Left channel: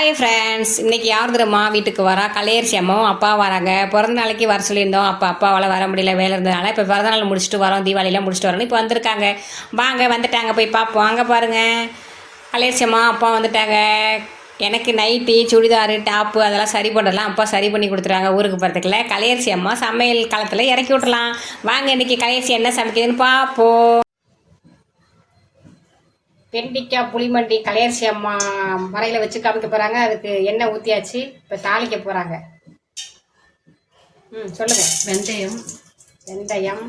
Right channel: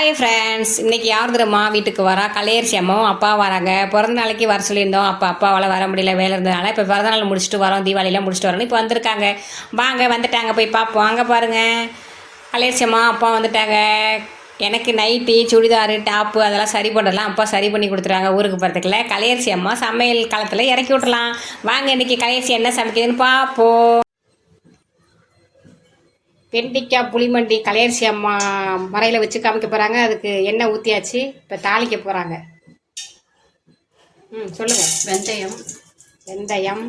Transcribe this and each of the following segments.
Hi friends, இன்றைக்கி யார் தெரியுமா வீட்டுக்கு வரா? கலையரசி அம்மாவும் அப்பா வராங்க. பிறந்த நாளைக்கு வர சொல்லியிருந்தோம். அப்பாவால் வர முடியல, வேலை இருந்ததுனால இப்போ பிறந்த நாள் முடிச்சுட்டு வரோம், தீபாவளிலாம் முடிச்சுட்டு வரோம். இப்போ வந்திருக்காங்க. வாங்க, வந்துட்டாங்க, போய் பார்ப்போம். அங்கே பாருங்கள், கலையரசி அம்மா அப்பா வந்துட்டாங்க. எனக்கு நைட்டி, சுடிதாரு, டாப்பு அதெல்லாம் சரி பண்ணலாம். அப்பா சரி பண்ணி கொடுத்துருவாங்க. ஊருக்கு போகிறதுக்குள்ள கலையரசி அம்மா சமையல் காலத்தில் இறக்கி விட்றலாம். வாங்க, இன்றைக்கி கலையரசி என்ன சமைக்குதுன்னு பார்ப்போம். வெண்டிக்காய் புளிமண்டி கலையரசி அம்மா மறையில் வச்சு காமிக்க போகிறாங்க. அதுக்கு எண்ணெய் ஊற்றியாச்சு. இப்போ தாளிக்க போகிறாங்க. சொல்லுங்கள். வெந்தயம்,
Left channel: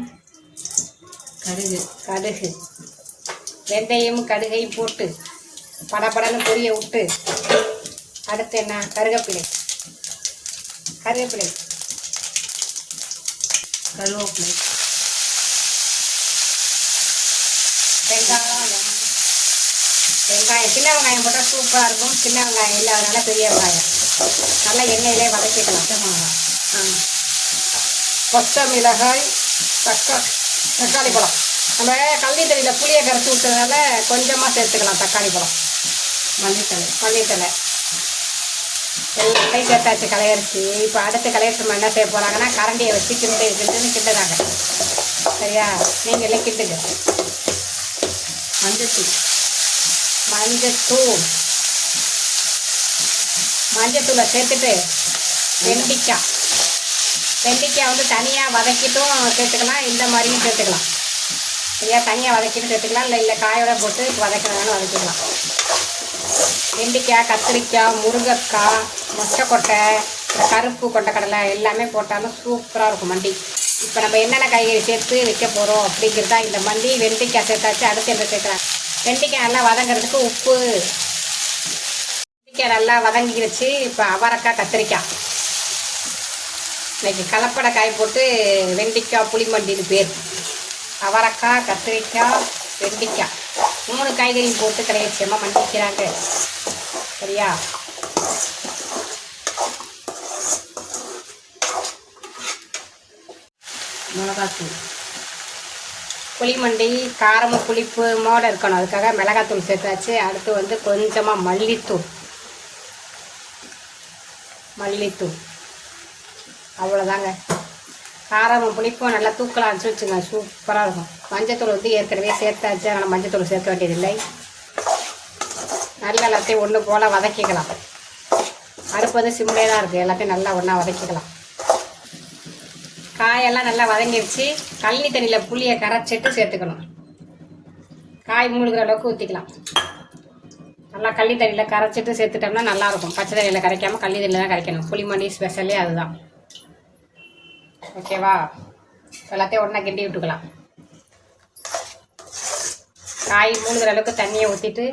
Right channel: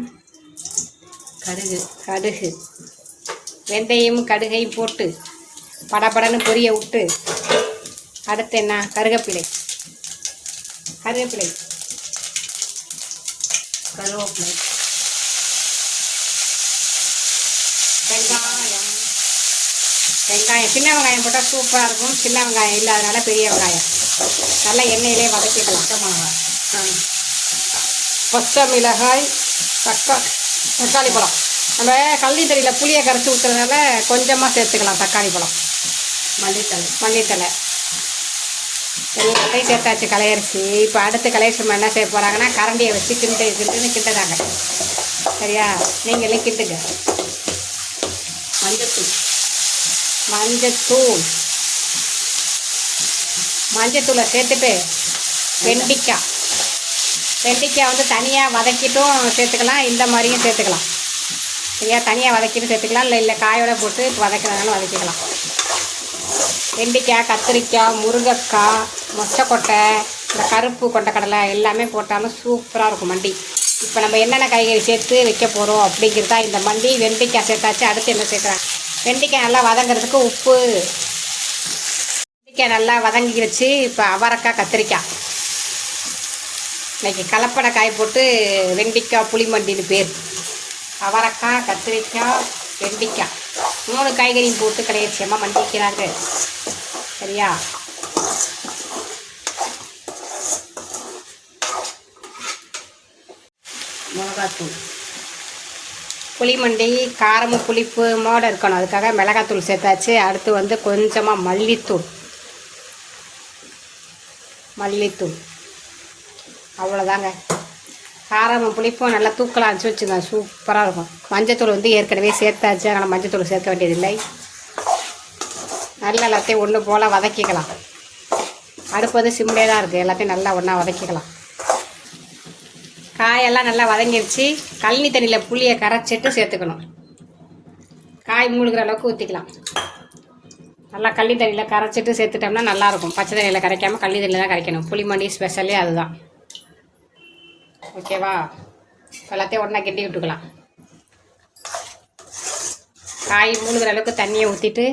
கடுகு. வெந்தயம் கடுகை போட்டு படபடன்னு பொரிய விட்டு, அடுத்து என்ன? கருவேப்பிலை, கருவேப்பிலை, வெங்காயம் சின்ன வெங்காயம் போட்டால் சூப்பராக இருக்கும். சின்ன வெங்காயம் இல்லாதனால பெரிய வெங்காயம் நல்லா எண்ணெயிலே வதக்கிக்கலாம். பச்சை மிளகாய், தக்காளி பழம். நம்ம கள்ளி தண்ணியில் புளியை கரைச்சி விட்டதுனால கொஞ்சமாக சேர்த்துக்கலாம். தக்காளி பழம், மல்லித்தலை எல்லாத்தையும் சேர்த்தாச்சு கலையரிசி. இப்போ அடுத்து கலையரிசி என்ன செய்ய போகிறாங்கன்னா, கரண்டியை வச்சு கிண்டுதாங்க. சரியா? நீங்களே கிண்டுங்க. மஞ்சத்தூளை சேர்த்துட்டு வெண்டிக்காய் வந்து தனியாக வதக்கிட்டும் சேர்த்துக்கலாம், இந்த மாதிரியும் சேர்த்துக்கலாம். சரியா? தனியாக வதக்கிட்டு சேர்த்துக்கலாம், இல்லை காயோட போட்டு வதக்கிறதாலும் வதக்கிக்கலாம். வெண்டிக்காய், கத்திரிக்காய், முருங்கைக்காய், மொச்சக்கொட்டை, இந்த கருப்பு கொண்டைக்கடலை எல்லாமே போட்டாலும் சூப்பராக இருக்கும் மண்டி. இப்போ நம்ம என்னென்ன காய்கறி சேர்த்து வைக்க போகிறோம் அப்படிங்கிறதா இந்த மண்டி. வெண்டிக்காய் சேர்த்தாச்சு. அடுத்து என்ன சேர்க்குறேன்? வெண்டிக்காய் நல்லா வதங்கிறதுக்கு உப்பு. வெண்டிக்காய் நல்லா வதங்கிடுச்சு. இப்போ அவரைக்காய், கத்திரிக்காய். இன்னைக்கு கலப்படை காய் போட்டு வெண்டிக்காய் புளிமண்டின்னு பேர். அவரைக்காய், கத்திரிக்காய், வெண்டிக்காய் 3 காய்கறியும் போட்டு கலையரசியமாக மண்டிக்கிறாங்க. சரியா? மிளகாத்தூள். புளிமண்டி காரமும் புளிப்பு மோட இருக்கணும், அதுக்காக மிளகாத்தூள் சேர்த்தாச்சு. அடுத்து வந்து கொஞ்சமாக மல்லித்தூள். அவ்வளோதாங்க. காரமும் புளிப்பும் நல்லா தூக்கலாம் வச்சுங்க, சூப்பராக இருக்கும். மஞ்சத்தூள் வந்து ஏற்கனவே சேர்த்தாச்சு, அதனால் மஞ்சத்தூள் சேர்க்க வேண்டியதில்லை. நல்லா எல்லாத்தையும் ஒன்று போல் வதக்கிக்கலாம். அடுப்பு வந்து சிம்லே தான் இருக்குது. எல்லாத்தையும் நல்லா ஒன்றா வதக்கிக்கலாம். காயெல்லாம் நல்லா வதங்கிடுச்சு. கழனி தண்ணியில் புளியை கரைச்சிட்டு சேர்த்துக்கணும். காய் மூழ்கிற அளவுக்கு ஊற்றிக்கலாம். நல்லா கழனி தண்ணியில் கரைச்சிட்டு சேர்த்துட்டோம்னா நல்லாயிருக்கும். பச்சை தண்ணியில் கரைக்காமல் கழனி தண்ணியில் தான் கரைக்கணும். புளிமண்டி ஸ்பெஷலே அதுதான். ஓகேவா? எல்லாத்தையும் ஒன்றா கிண்டி விட்டுக்கலாம். காய் மூழ்கிற அளவுக்கு தண்ணியை ஊற்றிட்டு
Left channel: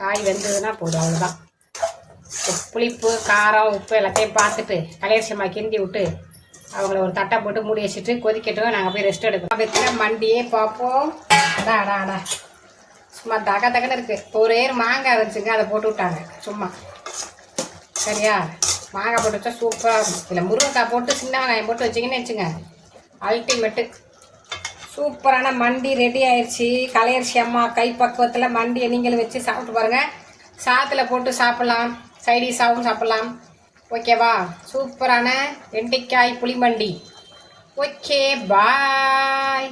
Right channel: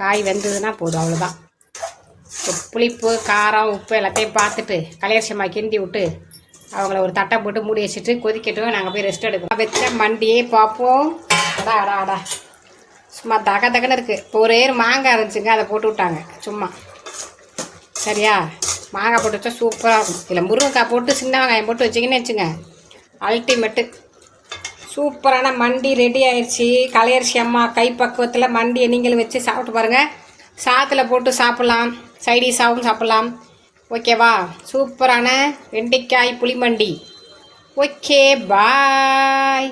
காய் வெந்ததுன்னா போதும், அவ்வளோதான். புளிப்பு, காரம், உப்பு எல்லாத்தையும் பார்த்துட்டு கலையரசியம்மா கிண்டி விட்டு அவங்கள ஒரு தட்டை போட்டு மூடி வச்சுட்டு கொதிக்கட்டும். நாங்கள் போய் ரெஸ்ட் எடுப்போம். வச்ச மண்டியே பார்ப்போம். அடா சும்மா தகன்னு இருக்குது. ஒரே மாங்காய் இருந்துச்சுங்க, அதை போட்டு விட்டாங்க சும்மா. சரியா? மாங்காய் போட்டு வச்சா சூப்பராக இருக்கும். இல்லை முருங்கைக்காய் போட்டு சின்ன வெங்காயம் போட்டு வச்சிங்கன்னு வச்சுங்க, அல்டிமேட்டு. சூப்பரான மண்டி ரெடி ஆயிடுச்சு. கலையரசி அம்மா கைப்பக்குவத்தில் மண்டியை நீங்களும் வச்சு சாப்பிட்டு பாருங்கள். சாத்தில் போட்டு சாப்பிட்லாம், சைடிஷாகவும் சாப்பிட்லாம். ஓகேவா? சூப்பரான வெண்டிக்காய் புளிமண்டி. ஓகே, பாய்.